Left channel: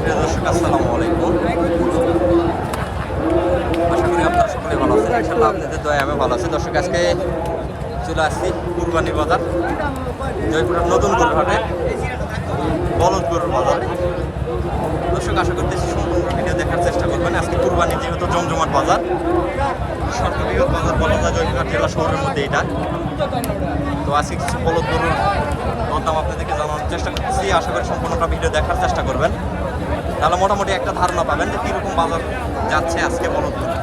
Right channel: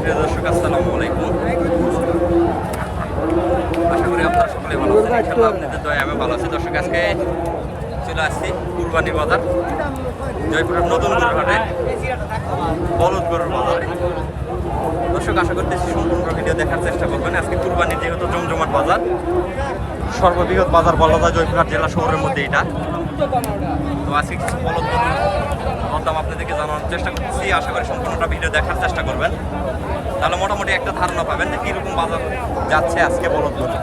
প্রিয় দর্শক আসসালামু আলাইকুম। আশা করি আপনারা সকলে ভালো আছেন। ইনশাআল্লাহ আপনাদের দয়ায় আমি ভালো আছি। দর্শক আজকে চলে আসছি কুরবানি বাজার, জয়পুরের নতুন গরুর হাটে, বলদ গরুর বাজারে। দর্শক আশা করতেছি সম্পূর্ণ ভিডিও দেখার চেষ্টা করবেন। আজকে কুরবানি যেহেতু জমজমাট বাজার, সর্ববৃহৎ বাজার বলা যায় জয়পুরহাট জেলা শহরের মধ্যে এটা। তো আজকে কিছু বলদ গরুর দাম আপনাদেরকে জানানোর চেষ্টা করতেছি। আশা করি সম্পূর্ণটা ভিডিও দেখার চেষ্টা করবেন, তাহলে মোটামুটি একটা ধারণা পাবেন যে কীরকম বাজার যাচ্ছে আজকে বলদ গরু।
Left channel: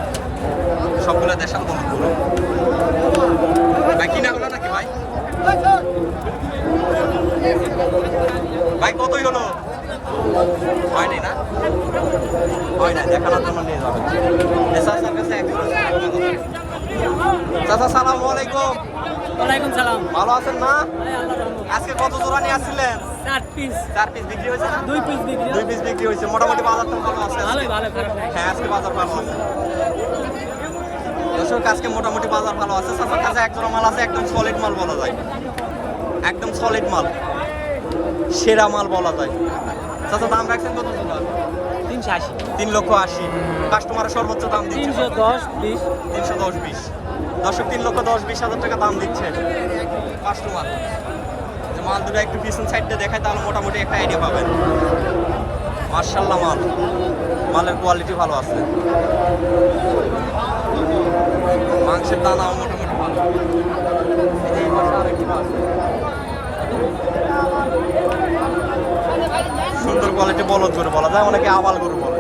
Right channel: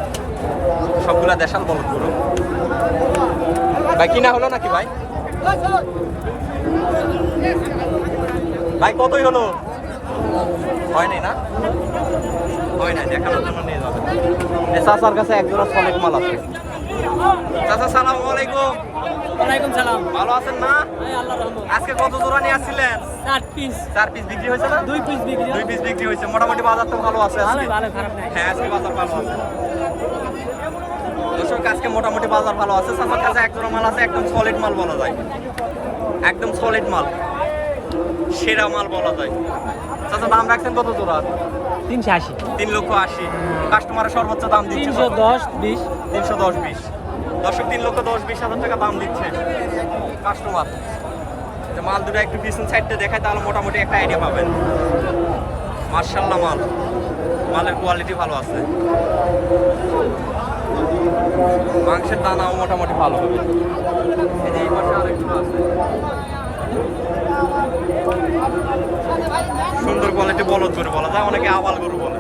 সবগুলা দেশাল বলদ গরু। ভাই কিনা হলো নাকি ভাই? ভাই কতই হলো? হয়নি না? হয় নাই, দেখানোর জন্য নিয়ে যাবেন। চাচার কাছে একজন মাল আছে। চাচা সালাম আলাইকুম। ওয়ালাইকুম সালাম। ভালো আছেন না? আজকে কত জোড়া নিয়ে আসছিলেন? 4 পিস বিক্রি হয়েছে না? 2 পিস বিক্রি হয়েছে। মোটামুটি বাজার তো ভালো আছে আজকে। ভালো খারাপ নাই। হ্যাঁ, আজকে বাজার ভালো আছে। দর্শক আজকে মোটামুটি বাজার ভালো আছে। চাচার কাছে এক জোড়া মাল আছে, একদম সলিড মাল বলা যায়। একদম সলিড মাল, সেরা মাল বলা যায়। চাচা দাম রাখছেন কত জোড়া? 380। 3,80,000। কাস্টমারের সর্বোচ্চ দাম দিচ্ছে 310-20। দর্শক 3,10,20,000 টাকা দাম দিচ্ছে কাস্টমার। মাল দুটো একটু পিছন সাইডে দেখায় তাহলে মোটামুটি একটা আইডিয়া পাবেন। মার্শাল্লাহ মাল, মালের কোয়ালিটি ভালো আছে, মাংসের দানাও মোটামুটি ভালো। এই পাশে আরেকগুলো আছে, সুন্দর কোয়ালিটি বলদ গরু বলা যায়, অনেকে আবাল গরু বলে।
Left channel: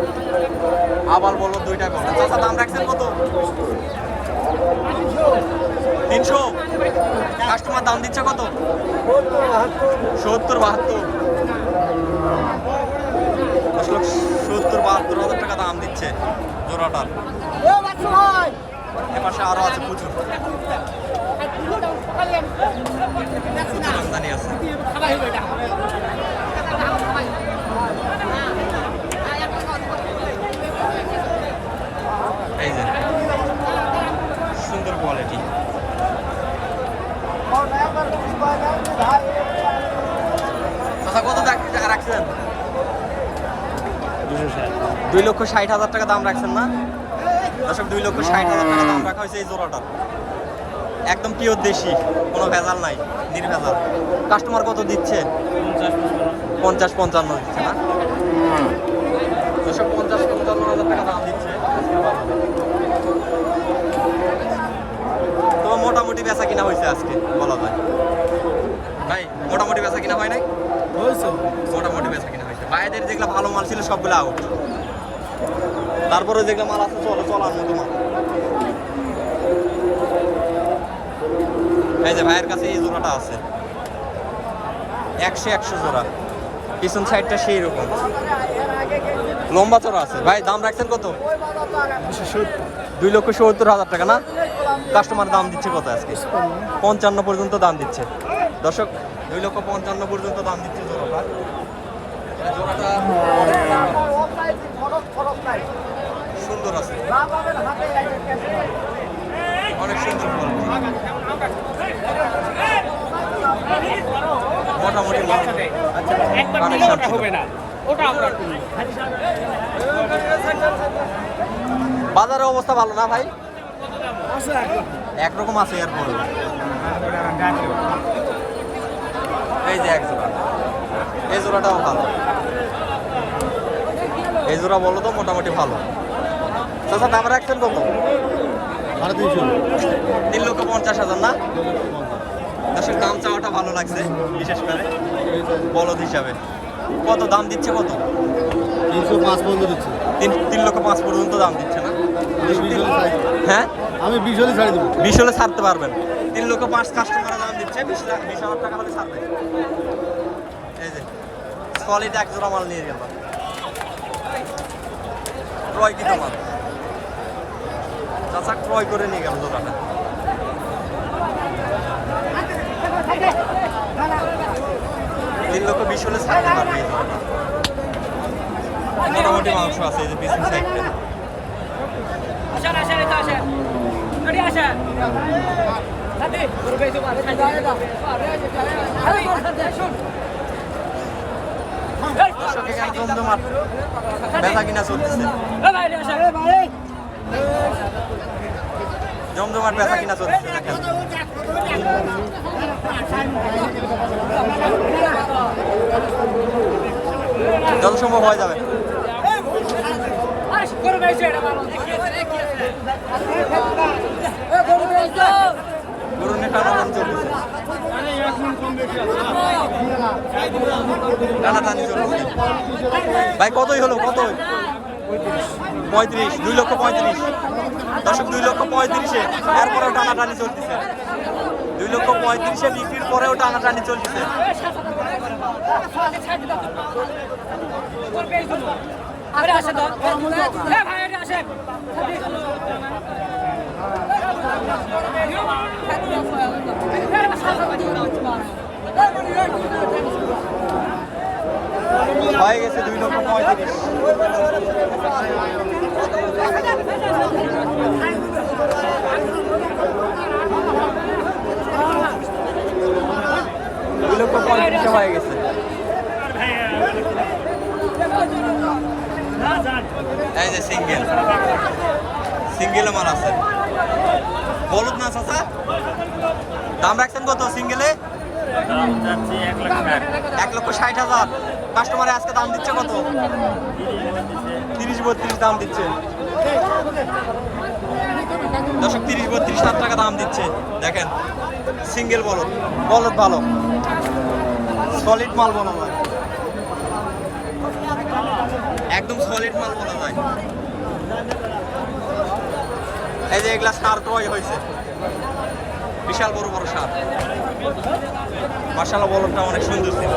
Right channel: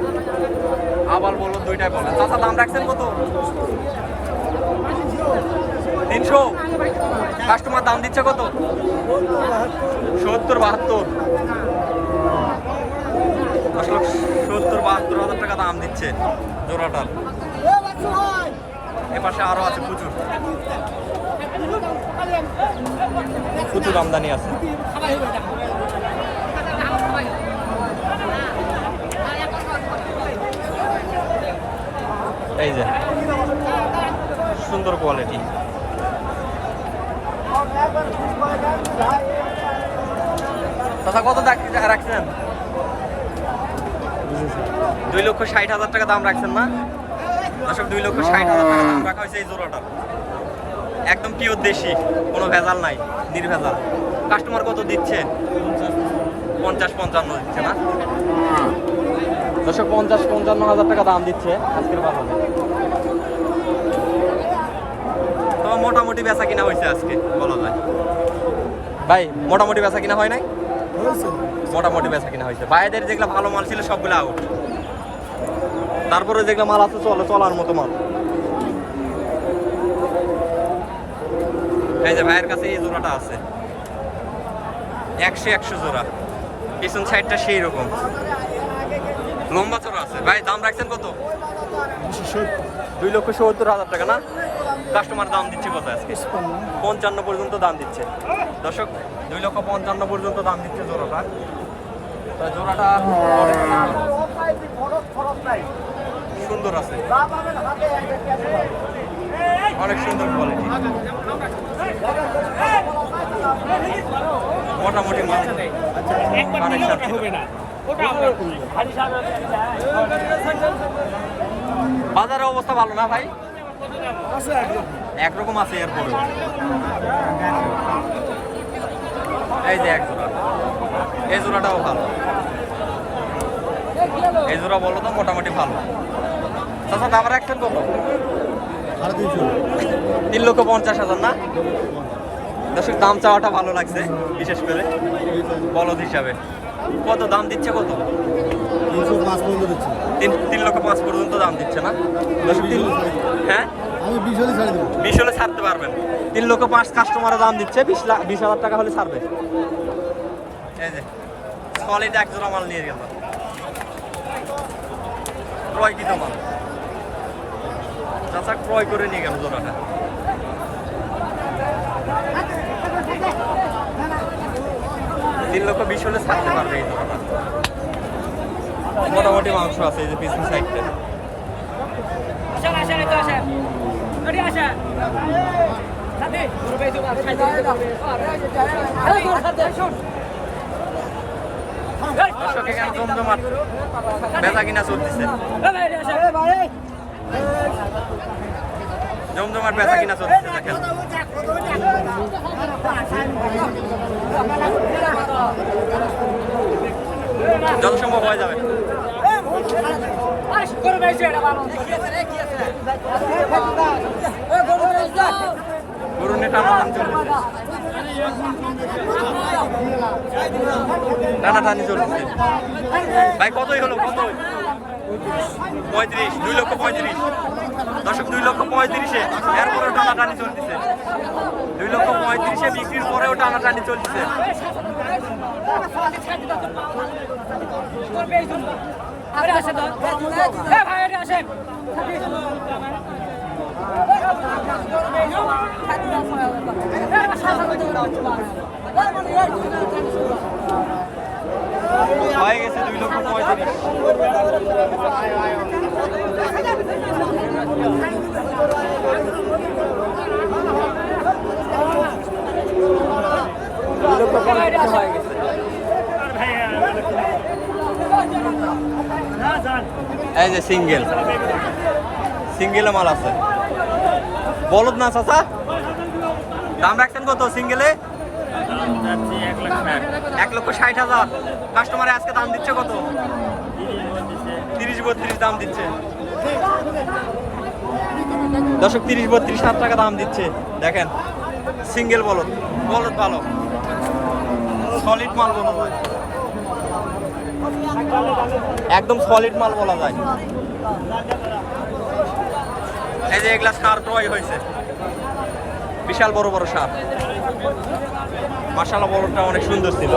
আবাল বলদ দুইটাই বলে। চাচা দাম রাখছেন কত? 300। কাস্টমার দাম দিচ্ছে কত? 70-72। 70-72,000 টাকা দাম দিচ্ছে জোড়াটার। এপাশে আরো আছে প্রচুর প্রচুর আমদানি আছে। এই যে সুন্দর কোয়ালিটি। দাদা কত রাখছেন? 2,60,000 টাকা দাম রাখছেন না? দর্শক 2,60,000 টাকা দাম রাখা হয়েছে এই জোড়াটার। একদম পিওর দেশি, কোনো ভেজাল নাই, নির্ভেজাল। কাস্টমার কত দিচ্ছে? 50-55 দিচ্ছে না? দর্শক 50-55,000 টাকা দাম দিচ্ছে আজকের বাজারে। তো মোটামুটি বেচা কিনা হয়েছে আজকে বলা যায়। ভাই মোটামুটি বেচা কিনা হয় নাই? মোটামুটি বেচা কিনা হয়েছে। বাইরের যেগুলো ভালো মাল ছিল সবগুলো আউট। তারপরে যেগুলো মাল আছে চলার মতো মাল। এই যে ভাইয়ের কাছে এই জোড়াটা আছে, 100 জোড়া। পিছন সাইডটা সেই রকম লম্বা চড়া আছে। ভাই দাম রাখছেন কত? 2,70,000 টাকা না? কাস্টমার দাম দিচ্ছে কত আজকে? 55 পর্যন্ত দাম দিচ্ছে। দর্শক 2,55,000 পর্যন্ত দাম দিচ্ছে জোড়াটা। জোড়াটা সুন্দর আছে, অনেক সুন্দর কোয়ালিটি, মোটামুটি মাল। বাজারের অবস্থা ভালো না ভাই? একরকম আছে। এই যে এক জোড়া, এই জোড়াটাও ভালো। এই জোড়া বলো তো মোটামুটি ভালো। চাচা দাম রাখছেন কত? 3,50,000 না? দর্শক দাম চাওয়াটা ভালো লাগছে, বিশেষ করে বলদ হিসাবে। কত দাম দিচ্ছে? কত? 305 পর্যন্ত দিচ্ছে। 3,05,000 পর্যন্ত দাম দিচ্ছে না? হ্যাঁ, আমি 20 হলে ছাড়ি দেবো। 20 হলে ছাড়তে পারবেন। 3,05,000 কাস্টমারের দাম দিচ্ছে, 20,000 টাকা হলে ছাড়বে। এই যে সলিড এক জোড়া মাল নিয়ে গেল, ক্রয়কৃত মাল। চাচা ক্রয় করে নিয়ে গেল জোড়াটা। 3,20,000 হলে ছাড়তে পারবে এই জোড়াটা। মোটামুটি মাংস আছে এই যে পিছন সাইডটা। দর্শক এখানে জমজমাট বেচা কিনা চলতেছে, জমজমাট বেচা কিনা চলতেছে দেখেন। যত সম্ভব হয়ে যাবে। গরুর নেটা টানাটানি চলতেছে, টানাটানি চলতেছে। ভাই কতই হলো, কত? 35, 2,35,000। দর্শক 2,35,000-এ এরপরেও টানাটানি চলতেছে। 2,35,000-এ বিক্রির পরেও টানাটানি চলতেছে। হয়ে গেছে 2,35,000। এই যে সিঙ্গেল সিঙ্গেলে মাল আছে, বলদ না চাচা? দাম রাখছেন কত সিঙ্গেলে? 1,60,000। কাস্টমারে আজকে দাম দিচ্ছে কত? 30-32 দাম দিচ্ছে। দর্শক 30-32,000 টাকা দাম দিচ্ছে। দেখেন সিঙ্গেল বলদ, বলদ ভালো, সলিড মাল বলা যায়, একদম সলিড মাল বলা যায়। এই যে এগুলা সার ক্রয় হয়েছে, বিশাল বড় বড় সার। মাশাআল্লাহ বলদটা অনেক সুন্দর ছিল।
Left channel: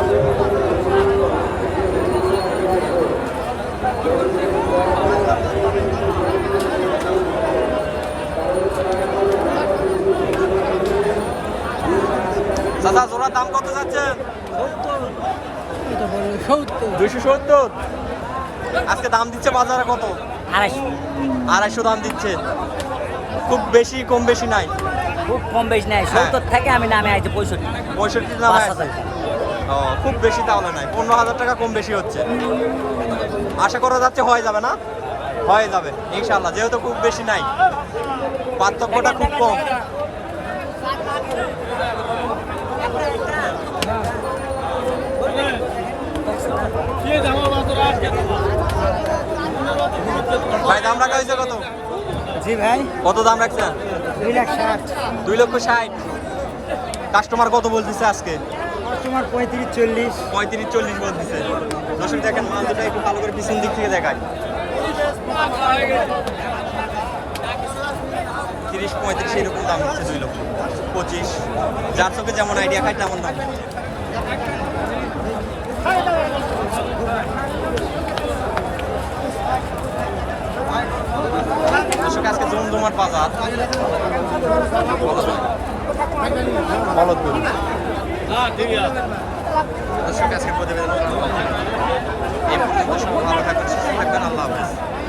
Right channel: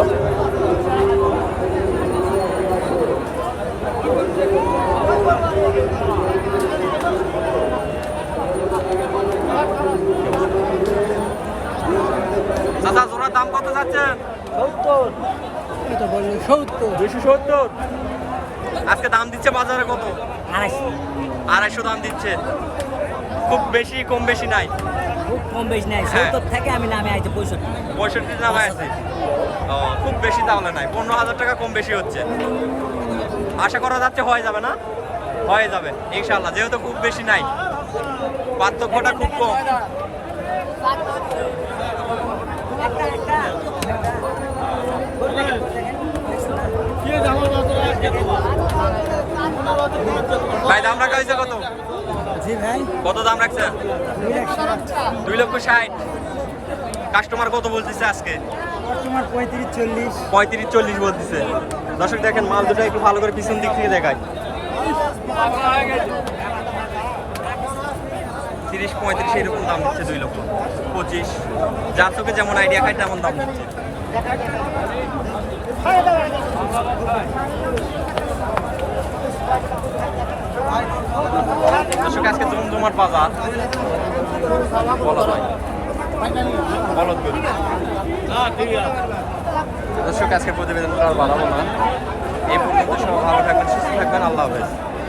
চাচা জোড়ার দাম কত যাচ্ছেন? 270। আজকে দাম দিচ্ছে বাজারে কত? 250 দাম দিচ্ছে। খুব বেশি কম বেশি নাই, খুব কম বেশি নাই। 70 থেকে আমি নামে আইতে 65 নামে আছে। খুব বেশি তাহলে নাই, 15,000 টাকা কম বেশি হচ্ছে। আশা করা যাচ্ছে হয়ে যাবে না? হয়ে যাবে ইনশাআল্লাহ, যেহেতু খুব বেশি নাই, পার্থক্যটা খুব কম। ভাই দাম রাখা হয়েছে কত? জি ভাই, কত দাম রাখছেন? 2,60,000। কাস্টমার কত বলতেছে আজকে? কাস্টমার 35-40। 35-40 বলতেছে। দর্শক দেখেন মাল দুটো একটু ভালো করে পিছন দিক থেকে দেখায়। 30-35 এরকম দাম দিচ্ছে, 2,25,000। যার চোখে যেমন আইডিয়া খায় তেমন দাম দিচ্ছে। দর্শক আজকে জমজমাট বাজার বলা যায়। দর্শক আজকে প্রতিবেদনটা আর বানাবো না, এই পর্যন্ত সবাই ভালো থাকবেন, সুস্থ থাকবেন, আল্লাহ হাফেজ।